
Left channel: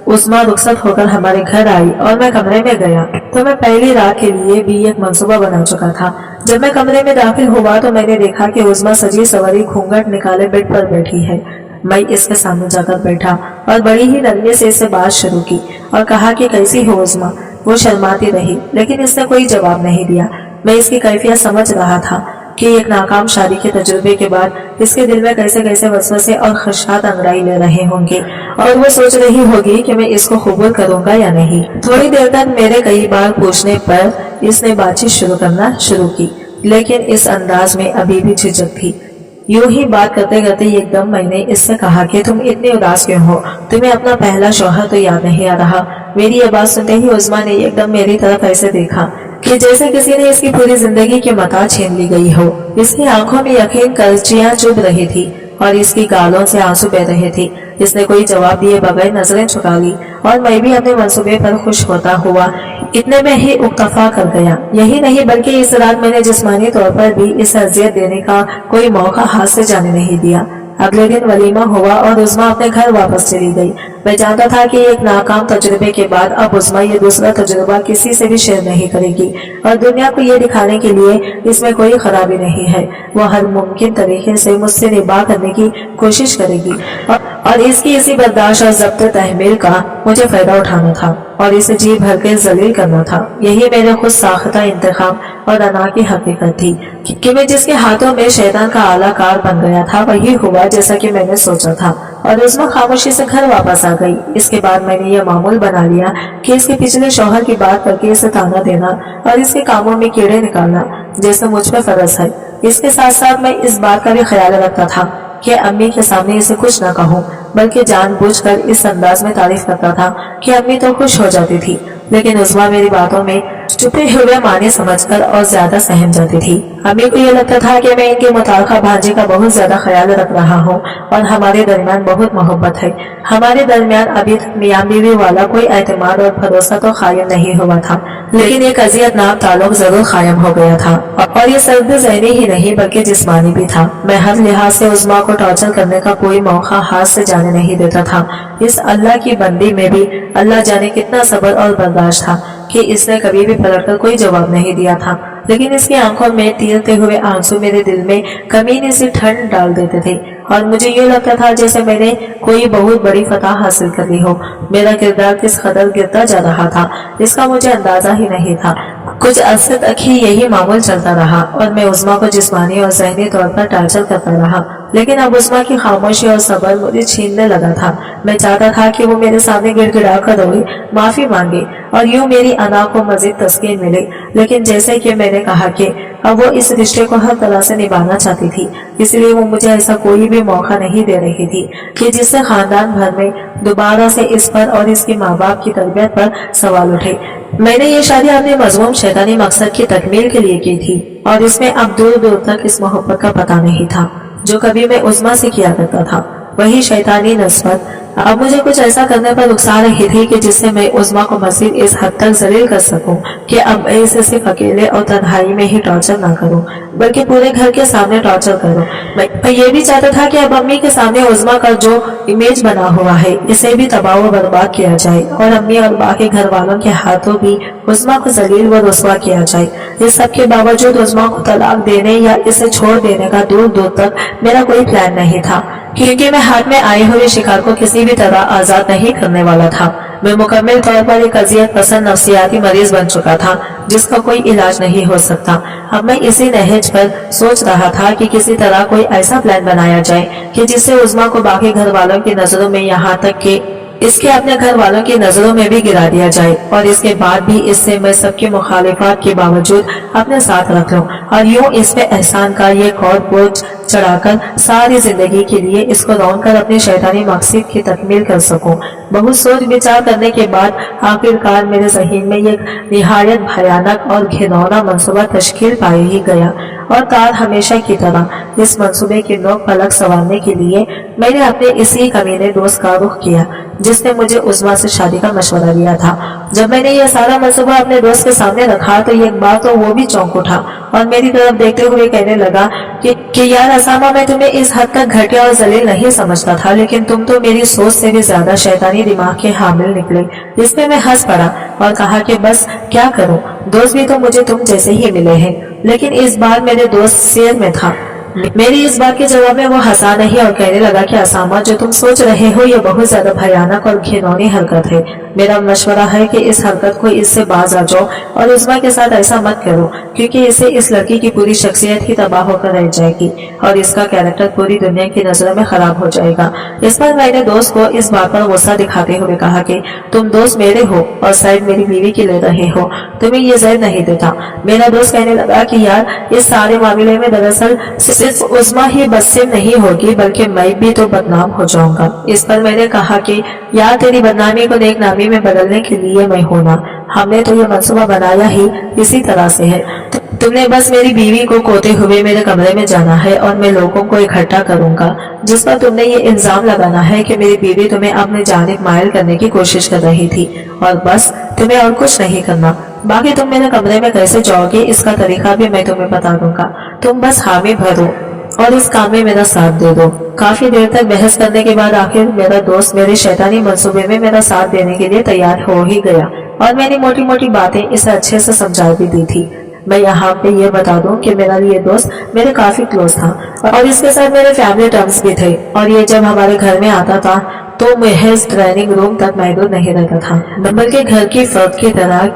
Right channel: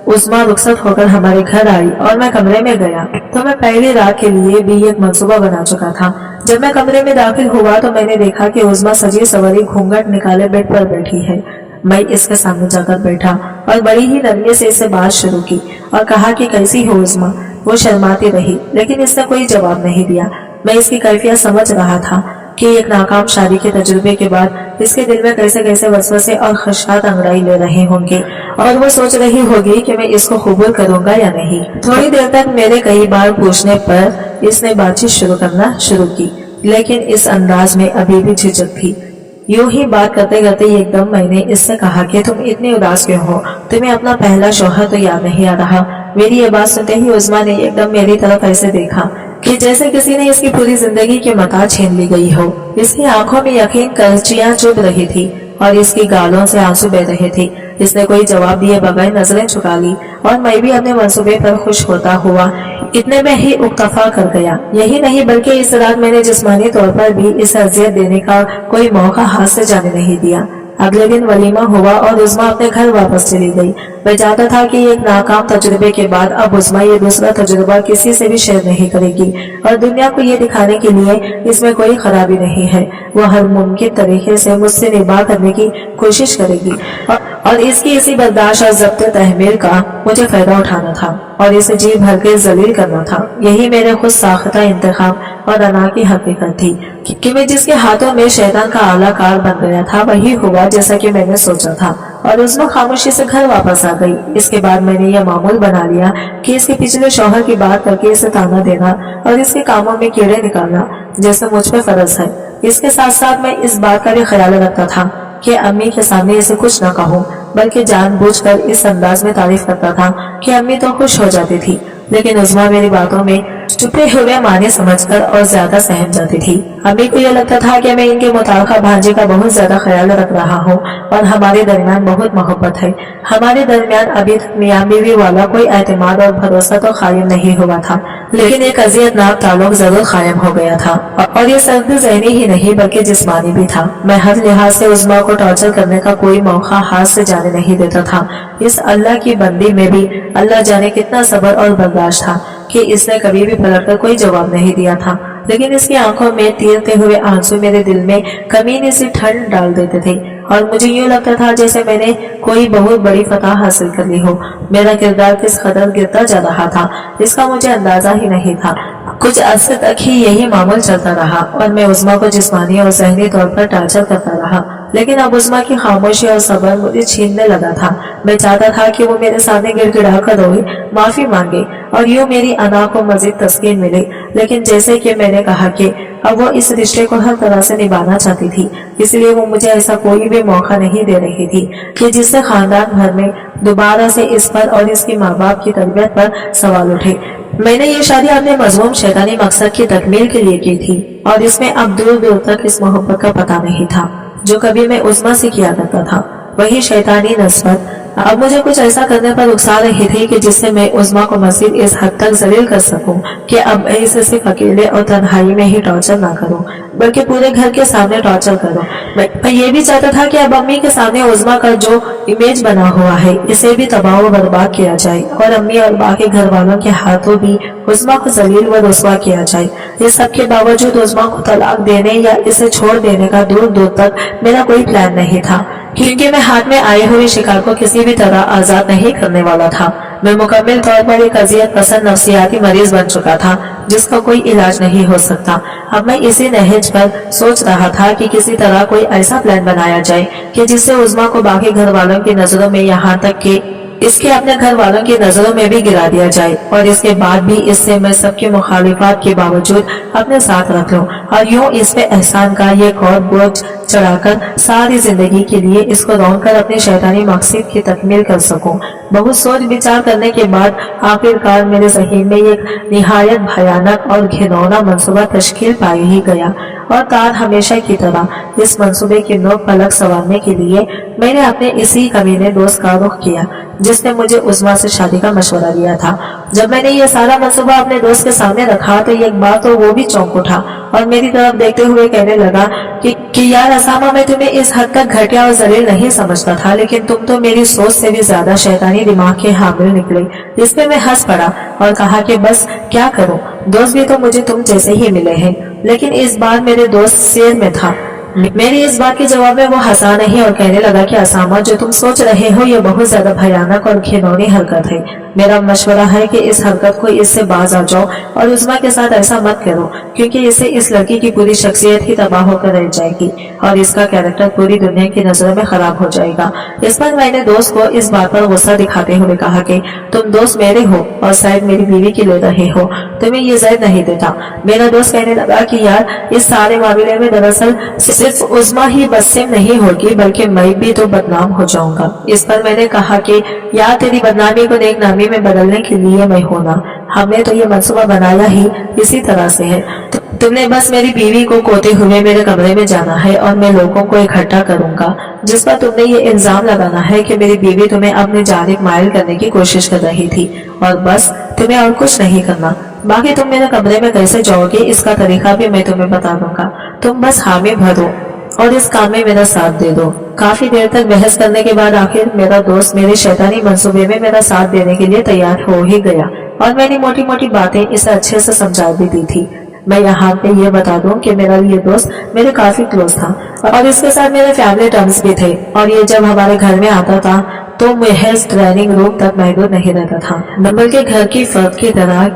उस्मा रुखसत होकर हमारे घर आई और मैं कमरे में गया तो मैं पहली रात के लिए भी एक मंसूबा बना चुका था। जब मैं कमरे में दाखिल हुआ तो मैंने देखा कि उस्मा सजी सवरी घूंघट निकाले बेड पर बैठी है। मैं इसके सामने जाकर बैठा और बड़ी ही नरमी से इससे बात शुरू की और कहा कि कैसी हो उस्मा। वो शर्माती रही लेकिन इसने कोई जवाब नहीं दिया। मैं इसकी कैफियत समझ रहा था कि एक नाकाम शादी के तजुर्बे के बाद इसके दिल में कैसे कैसे वसवसे और खदशात अंगड़ाई ले रहे होंगे और वो सोच रही होगी कि मैं इसको कबूल करूंगा या नहीं। थोड़ी देर तक मेरे कई बार पूछने पर इसने बातचीत शुरू करना शुरू की, लेकिन इस अंदाज में अभी भी झिझक थी। यूं ही बात करते करते एकदम मैंने इससे कहा कि तुम इतनी उदास क्यों हो, तुम्हें अपना पहला शौहर तो याद नहीं आ रहा। मेरी ये बात सुनते ही उस्मा ने एकदम मेरी तरफ ऐसे देखा कि जैसे किसी ने इसकी पूरी जिंदगी की मता छीन ली गई हो। इसकी आंखों में यकीन करचियां चुभ रही थी और इसकी गालों से आंसू बह रहे थे। इसने कोई जवाब दिए बगैर नजरें झुका ली और मैं भी अपने मंसूबे पर खुश होता हुआ इतने में ही उक्तफा कर गया। यही नहीं बल्कि इस रात मैंने जिस्मानी तौर पर भी इसे अजियत देने का कोई मौका हाथ से जाने नहीं दिया। अगले दिन वलीमा हुआ और उस्मा अपने घर वापस चली गई। मैं जानता था कि एक नाकाम तजुर्बे के बाद अब उस्मा ये दूसरा तजुर्बा किसी से भी शेयर नहीं करेगी और दुनिया को ये दिखाने के लिए इसमें कोई खराबी नहीं है। वह हर मुमकिन तरीके से मुझसे निबाह करने की कोशिश करेगी और इसकी इसी बर्दाश्त और जब्त तहमील का मुझे फायदा उठाना था और इसे जी भर के जलील करना था। यही मेरे खुद साख्ता इंतखाब और अना की हकीकत थी कि मैं जिसके हाथों में शैतान का आला कार बन गया था वही हुआ जैसा कि मैंने सोचा था और उस्मा खामोशी से घर वापस आ गई। इसके बाद मैंने यह मामूल बना लिया कि इसके पिछले शौहर की बात करके इसे ताना देना और इसके कामों में कीड़े निकालना जैसे मुझ पर फर्ज है। इसके साथ साथ मैं इस बात का भी ख्याल रखता था कि अम्मी के सामने इसे कुछ न कहूँ, बल्कि जानबूझकर इस अंदाज में तारीफ करता था कि अम्मी तो खुश हो जाती थी, लेकिन उस्मा मेरी बातों में छुपे हुए माने समझकर और ज्यादा सहम जाती थी। अम्मी को यह लगता था कि मैं इनके मुताल्लिक़ भांजे का बहुत ज्यादा ख्याल रख रहा हूँ और हमारे दरमियान बहुत मोहब्बत है। हमारे दरमियान अभी तक मियां बीवी वाला कोई एतमाद और भरोसा तो कायम नहीं हुआ था, लेकिन एक अज़ियतनाक ताल्लुक जरूर कायम हो गया था और ये सर्द ज़हनी ही नहीं बल्कि जिस्मानी भी था। मैं हर लिहाज से उस्मा को टॉर्चर करने का कोई मौका हाथ से जाने नहीं देता था। इस अल्लाह की बंदी में भी अल्लाह जाने कितना सब्र और बर्दाश्त था कि इसने कभी भी पलटकर कोई जवाब नहीं दिया था, लेकिन इसकी आंखों में तीरते हुए आंसू मेरे दिल में कमीनी सी ठंड डाल देते थे और मुझे यूँ लगता था जैसे मैंने कोई बहुत बड़ी फतह हासिल कर ली हो। मेरा किरदार किस कदर गिरता जा रहा था इसका मुझे अंदाजा ही नहीं था। कुछ अरसे तक ही यही मामूल चलता रहा और मैं उस्मा को जिस्मानी और ज़हनी तौर पर टार्चर करता रहा, लेकिन अब उस्मा की खामोशी और सब्र मुझे छीनने लगा था। मैं चाहता था कि वो मेरे सामने गिड़गिड़ा कर रोए, माफी मांगे और यूं मेरी अना को मजीद तस्कीन मिले, लेकिन जैसे कि मैंने कहा कि अब वो इस रिश्ते को हर तरह से निभाना चाहती थी, इसलिए वो मुझे ऐसा कोई भी मौका नहीं दे रही थी कि जिससे खानदान भर में दोबारा से इस पर और इसके माँ बाप की तरबियत पर सवाल उठे। मैंने ये शादी अपने मजमूम शैतानी मकसद की तकमील के लिए की थी और इसमें अब दूर दूर तक इस मोहब्बत का पता नहीं था जो कभी मैं उस्मा से किया करता था। वही शैतानी नस्बत अब मुझे कुछ ऐसा करने पर उकसा रही थी कि जिससे मैं उस्मा को मजीद इस हद तक जलील कर सकूं कि अब मैं इसे सिर्फ अकेले और तन्हाई में ही टॉर्चर ना करूं, बल्कि पूरे घर के सामने टॉर्चर करूं। मैं ये भी चाहता था कि अब अम्मी के सामने उस्मा का जो इमेज बना हुआ है इसे भी तबाह व बर्बाद किया जाए और अम्मी और बाकी घर वालों के हाथों भी उस्मा को जलील व रुस्वा किया जाए। इस सब के बावजूद उस्मा को तलाक देने या इसे छोड़ देने का दूर दूर तक मेरा कोई प्लान नहीं था, क्योंकि मैं हाथ में आए हुए शिकार को किसी भी तरह आजाद नहीं करने वाला था। मैं मुकम्मल तौर पर एक अजियत पसंद नफ्सियाती मरीज बन चुका था जिसका कोई इलाज नहीं हो सकता। अब मैं इसी नहज पर सोच रहा था कि किसी तरह कोई ऐसा प्लान बनाया जाए कि जिससे उस्मा को बाकी घर वालों की नजरों में, यहाँ तक कि इसके अपने घर वालों की नजरों में भी गिरा दिया जाए और इसके बाद भी इससे मैं सबकी मुखालिफात के बावजूद अपने साथ रख लूं और यूं इस पे एहसान का ये और बोझ चढ़ाकर सारी जिंदगी के लिए इसको रौंद कर अपनी शैतानी मकसद की तकमील कर सकूं। बहुत सोच विचार करने के बाद आखिरकार मेरे ज़हन में एक निहायत भयानक और घिनौना मंसूबा तश्कील पाए ही गया और तार हमेशा की तरह इस मंसूबे की नोक पलक संवारने के लिए मैंने अपने इसी कमीने दोस्त का रुख किया जिसने मुझे उस्मा से शादी का मशवरा दिया था। जब मैंने ये सारा मंसूबा अपने दोस्त के सामने रखा तो एक बार तो वो भी चौंक उठा और मेरी तरफ देखते हुए कहने लगा कि यार असामा, मैं तुम्हें इस हद तक घटिया और जलील नहीं समझता था, लेकिन तुम तो मेरी सोच से भी ज्यादा शैतानी दिमाग के हामिल निकले। इस पे मैं हंस पड़ा और कहा कि बस क्या करूं, दोस्त भी तो मुझे तुम जैसे ही मिले हैं। लेकिन इस बार मेरे दोस्त शेर में था। मेरी इस बात के जवाब में वो हंसा नहीं और कहने लगा कि असामा, जो तुम सोच रहे हो ये बहुत ज्यादा भयानक और घिनौनी हरकत है। मेरा मशवरा है कि इस हरकत को इससे बाज आ जाओ और उस्मा के साथ ऐसा मत करो, क्योंकि इससे इस लड़की की पूरी शख्सियत ही तबाह होकर रह जाएगी और इसका कैरेक्टर पूरी दुनिया की नजरों में खराब हो जाएगा। इस पर मैंने दोस्त को इस बात पर गुस्सा दिखाते हुए कहा कि तुम दोस्त मेरे हो और शायद मेरी बीवी की ले रहे हो, तुम्हें ये ज़ैद नहीं देता। मेरा दोस्त कहने लगा कि यार इस सारे मामले में दरअसल सिर्फ उस्मा ही बदसिम नहीं होगी बल्कि मैं भी तो बदनाम हो जाऊंगा। इस पर मैंने कहा कि यार तेरी बदनामी को नेक नामी में बदलने के लिए मैं हूं ना, हमने तो ये मंसूबा बनाया ही इसी तरह से है। तुमने बस मेरी बीवी को कोते हुए मेरे कमरे में जाना है और मैं लोगों को इकट्ठा करूंगा जिस पर तुमने ये इल्जाम लगाना है कि मेरी बीवी तुम्हें अपने जानिब मायल करने की कोशिश कर रही थी और बस तुम्हें और कुछ नहीं करना। बाकी तुम मेरे कमरे में कैसे जाओगे इसका तरीका भी मैं तुम्हें बता दूंगा। तुम बस हामी भरो और इस काम में मेरा साथ दे दो। काफी देर तक बहस करने के बाद आखिर मेरा दोस्त मेरे शैतानी मंसूबे में मेरा साथ देने के लिए तैयार हो ही गया और मैंने मोटी मोटी बातें इसे अच्छे से समझा भी दी थी। मैं यहाँ पे ये बता दूं कि मेरा ये दोस्त मेरे काफी क्लोज था और इसके साथ मेरे फैमिली टर्म्स भी थे और ये जब हमारे घर में आता था तो महज ट्रेनिंग रूम तक महदूद नहीं रहता था, बल्कि घर की फर्द की तरह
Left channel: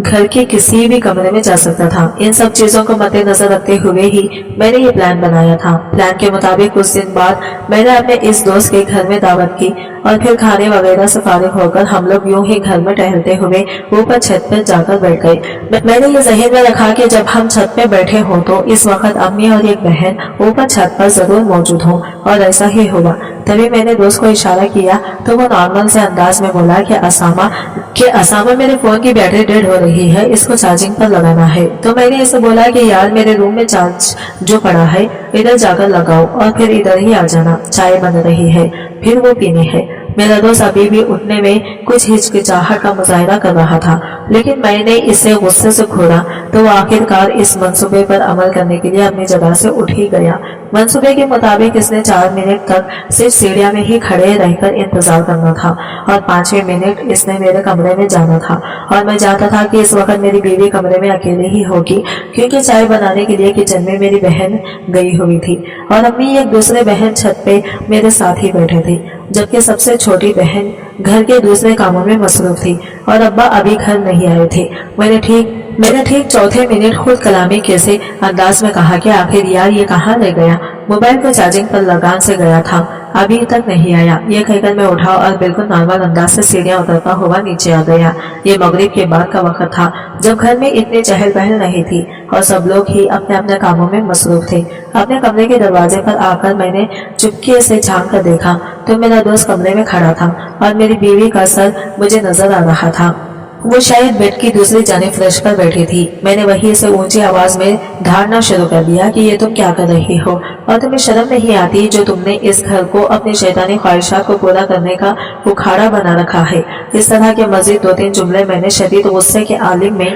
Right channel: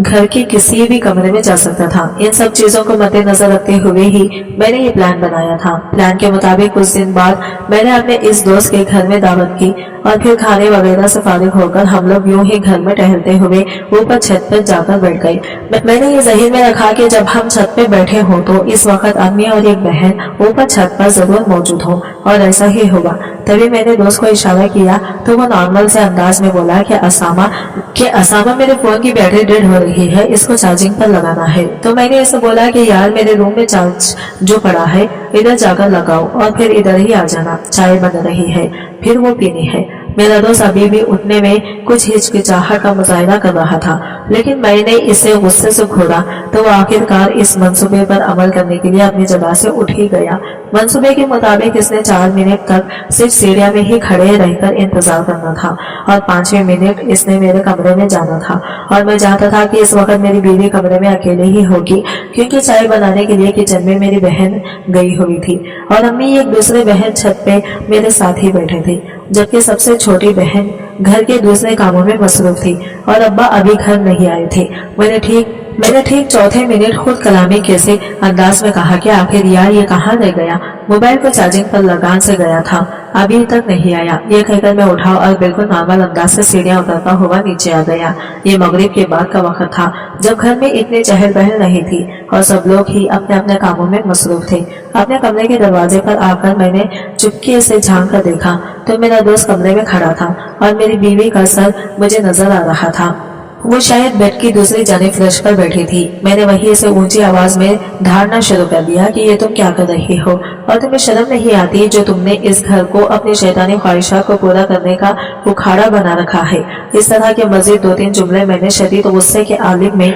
घर के किसी भी कमरे में जा सकता था। इन सब चीजों को मद्देनजर रखते हुए ही मैंने ये प्लान बनाया था। प्लान के मुताबिक कुछ दिन बाद मैंने अपने इस दोस्त के घर में दावत की और फिर खाने वगैरह से फारिग होकर हम लोग यूं ही घर में टहलते हुए ऊपर छत पर जाकर बैठ गए। मैंने ये ज़हन में रखा कि जब हम छत पे बैठे हों तो इस वक्त अम्मी और एक बहन ऊपर छत पर जरूर मौजूद हो और ऐसा ही हुआ। तभी मैंने दोस्त को इशारा किया तो वो नॉर्मल से अंदाज में बोला कि असामा मेरे फोन की बैटरी डेड हो रही है, इसको चार्जिंग पर लगाना है। तो मैंने इसे बोला कि यार मेरे रूम में चार्ज जो पड़ा है इधर जाकर लगाओ और फिर इधर ही आ जाना, चाय बन रही है फिर वो पीनी है। मेरा दोस्त अभी भी उठने में कुछ हिचकिचाहट का मुजाहिरा कर रहा था, लेकिन मैंने इसे गुस्से से घूरा तो वो आखिरकार इस मंसूबे पर अमल करने के लिए अपनी जगह से उठ ही गया। मंसूबे के मुताबिक इसने 4 मिनट तक सिर्फ सीढ़ियां में ही खड़े रहकर इंतजार करना था और 5वें मिनट इसने मेरे कमरे में जाना था और मैं जानता था कि इस वक्त मेरी बीवी कमरे में अकेले ही होगी, क्योंकि चाय बनाने के लिए किचन में मेरी बहन गई हुई थी और अम्मी एक दूसरे बहन छत पे मेरे साथ ही बैठे थे, जबकि सबसे छोटी बहन घर के दूसरे कामों में मसरूफ थी और अब्बा अभी घर नहीं आए थे। मैंने ठीक चौथे मिनट खुद कलामी कैसे अंदाज में कहा कि आखिर यार ये कहाँ रह गया, मोबाइल को चार्जिंग पर लगान से गया था, अभी तक नहीं आया। ये कहकर मैं उठा और बिल्कुल नॉर्मल अंदाज से सीढ़ियां उतरता हुआ नीचे आ गया। ये मगरिब के बाद का वक्त था जब घर में इतनी चहल पहल नहीं थी और सब लोग ही अपने अपने कामों में मसरूफ थे। अपने कमरे के दरवाजे पर आकर मैंने चुपके से झांक कर देखा तो मेरा दोस्त कमरे में खड़ा था और मेरी बीवी का सर मुझे नजर आ रहा था। वो शायद बेड की दूसरी जानिब फर्श पर बैठी थी। मैंने वहीं से ऊंची आवाज में धारना शुरू कर दिया कि ये तुम क्या कर रही हो और तुम्हें शर्म नहीं आती जो तुमने इस घर को अपनी शैतानी ख्वाहिशात को पूरा करने का उखाड़ा बना रखा है। इस तरह के मजीद 2-3 जुमले मैंने शदीद गुस्से के आलिम में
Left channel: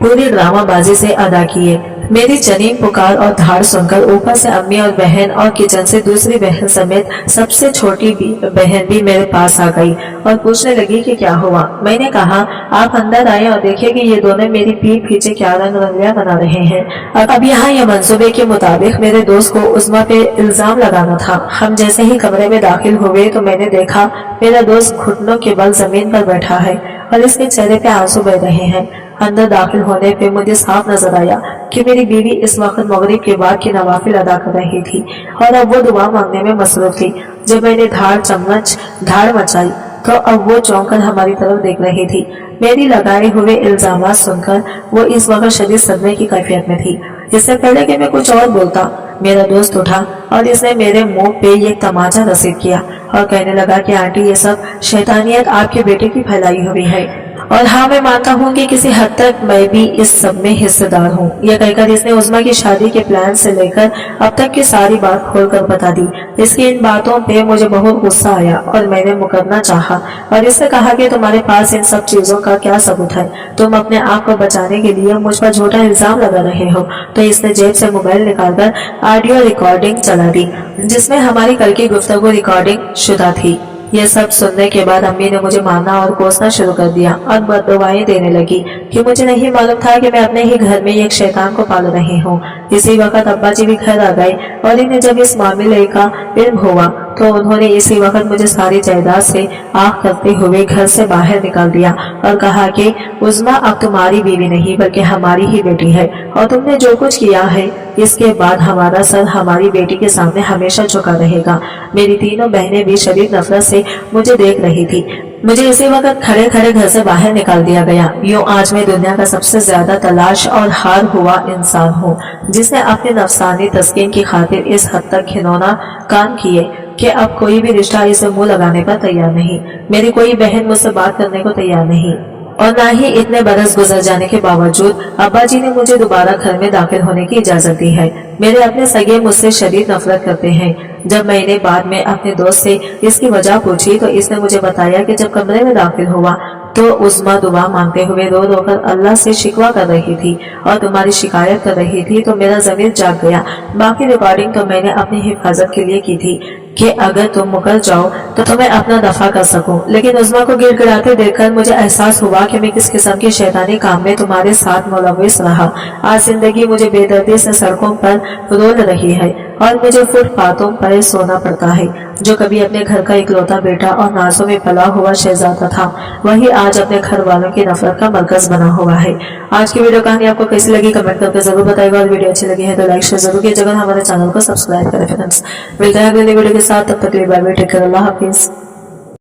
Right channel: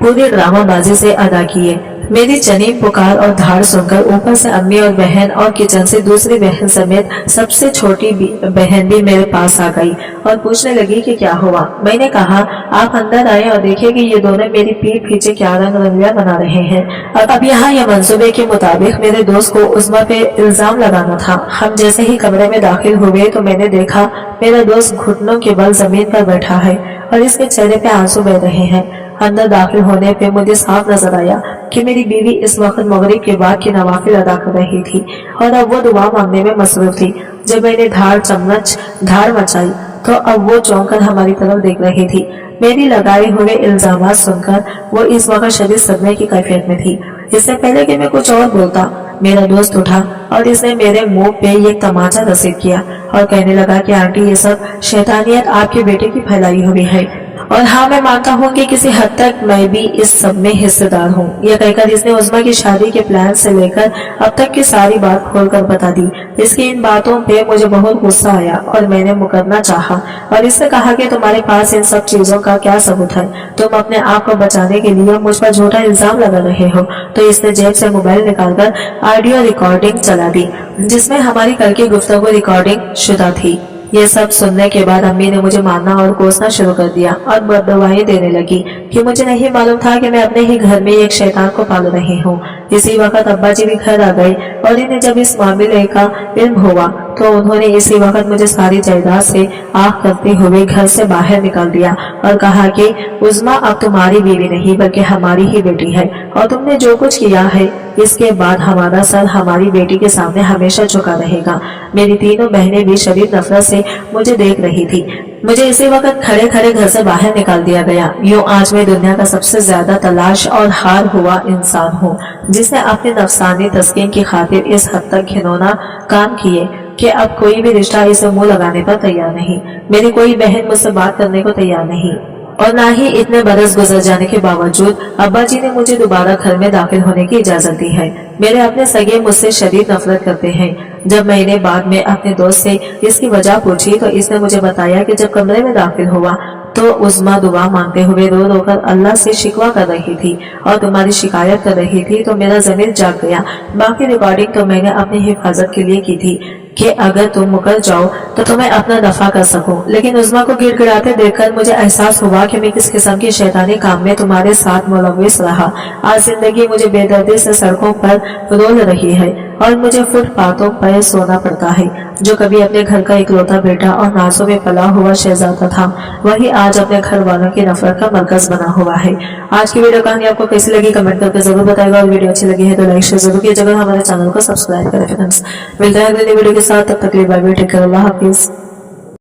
पूरी ड्रामाबाजी से अदा किए। मेरी चनीम पुकार और धाड़ सुनकर ऊपर से अम्मी और बहन और किचन से दूसरी बहन समेत सबसे छोटी बहन भी मेरे पास आ गई और पूछने लगी कि क्या हुआ। मैंने कहा आप अंदर आए और देखिए कि ये दोनों मेरी पीठ पीछे क्या रंग रंगलियां बना रहे हैं। अब यहाँ ये मंसूबे के मुताबिक मेरे दोस्त को उस्मा पे इल्जाम लगाना था। हम जैसे ही कमरे में दाखिल हुए तो मैंने देखा मेरा दोस्त घुटनों के बल जमीन पर बैठा है और इसके चेहरे पे आंसू बह रहे हैं। अंदर दाखिल होने पे मुझे साफ नजर आया कि मेरी बीवी इस वक्त मगरिब के बाद की नवाफिल अदा कर रही थी और अब वो दुआ मांगने में मसरूफ थी। जब मैंने धाड़ मचाई तो अब वो चौंक कर हमारी तरफ देख रही थी। मेरी लगाए हुए इल्जामात सुनकर वो इस वक्त शदीद सदमे की कैफियत में थी। इससे पहले कि मैं कुछ और बोलता मेरा दोस्त उठा और इसने मेरे मुंह पे एक तमाचा रसीद किया और कहने लगा कि आंटी ये सब शैतानियत आपके बेटे की फैलाई हुई है और हाँ मैं मानता हूँ कि किसी हद तक मैं भी इस सब में हिस्सेदार हूँ। यह कहकर इसने उस्मा की शादी के प्लान से लेकर अब तक की सारी बात खोलकर बता दी। इसकी इन बातों पे मुझे बहुत गुस्सा आया और मैंने मुकरना चाहा और इसने कहा कि तुम्हारे पास इन सब चीजों का क्या सबूत है, तुम अपने आप को बचाने के लिए मुझ पर झूठा इल्जाम लगा रहे हो। तो इसने जेब से मोबाइल निकालकर ऑडियो रिकॉर्डिंग चला दी जिसमें हमारी कल की गुफ्तगू रिकॉर्डिंग शुदा थी। ये सब सुनने के बाद अम्मी ने मुझे मारना और कोसना शुरू कर दिया और बददुआएं देने लगी कि मुझे नहीं मालूम था कि मैं अपने ही घर में एक शैतान को पाल रही हूँ। इसी वक्त अब्बा जी भी घर आ गए और इन्हें जब इस मामले का इल्म हुआ तो उन्होंने इसी वक्त मुझे सारी जायदाद से आग करते हुए घर से बाहर निकाल दिया और कहा कि उज़्मा अब तुम्हारी बीवी नहीं बल्कि हमारी ही बेटी है और तुमने जो कुछ किया है इसके बाद हमारा सर हमारी बेटी के सामने हमेशा झुका रहेगा। मेरी तीनों बहनें भी शदीद नफरत से मुझे देख रही थी। मुझे इसी वक्त खड़े खड़े घर से बाहर निकाल दिया गया। यूं आज मैं दुनिया का सबसे ज्यादा तलाश और हार हुआ इंसान हूँ जिसने अपने नफसानी तस्कीन की खातिर इस हद तक घिनौना काम किए कि अब कोई भी रिश्ता इसे मुंह लगाने पर तैयार नहीं। मेरी कोई बहन मुझसे बात करने को तैयार नहीं और ना ही इतने बरस गुजर जाने के बावजूद अब्बा जी ने मुझे दोबारा घर में दाखिल होने की इजाजत दी है। मेरे अपने सगे मुझसे शदीद नफरत करते हैं। जब मैंने बाद में अपने दोस्त से इसकी वजह पूछी तो इसने मुझे बताया कि जब कमरे में दाखिल हुआ तो उज़्मा दुआ मांगते हुए रो रो कर अल्लाह से शिकवा कर रही थी और तुम्हारी शिकायत कर रही थी तो मेरा ज़मीर जाग गया। बाकी रिकॉर्डिंग तो मैंने अपनी हिफाजत के लिए की थी कि अगर तुम मुकर जाओ तो तुम्हें अपना दफा कर सकूं। लेकिन उज़्मा को गिड़गिड़ाते देखकर मुझे एहसास हुआ कि मैं किस किस्म के शैतानी काम में तुम्हारे साथ मुलव्विस रहा। आज जिंदगी मुझे बेदर्दी से सड़कों पर रोल रही है और मुझे फुटपाथों पर सोना पड़ता है। जो कभी अपने घर का इकलौता बेटा और नाजों में पला हुआ शहजादा था वही आज अपने घर वालों की नफरत का मरकज बना हुआ है। आज की वीडियो कहानी आपको कैसी लगी कमेंट करके जरूर बताइएगा और वीडियो अच्छी लगी है तो लाइक शेयर जरूर कीजिएगा। हमारे चैनल को सब्सक्राइब करें फ्रेंड्स। मिलते हैं अगले वीडियो के साथ, तब तक के लिए बाय बाय, टेक केयर, अल्लाह हाफिज।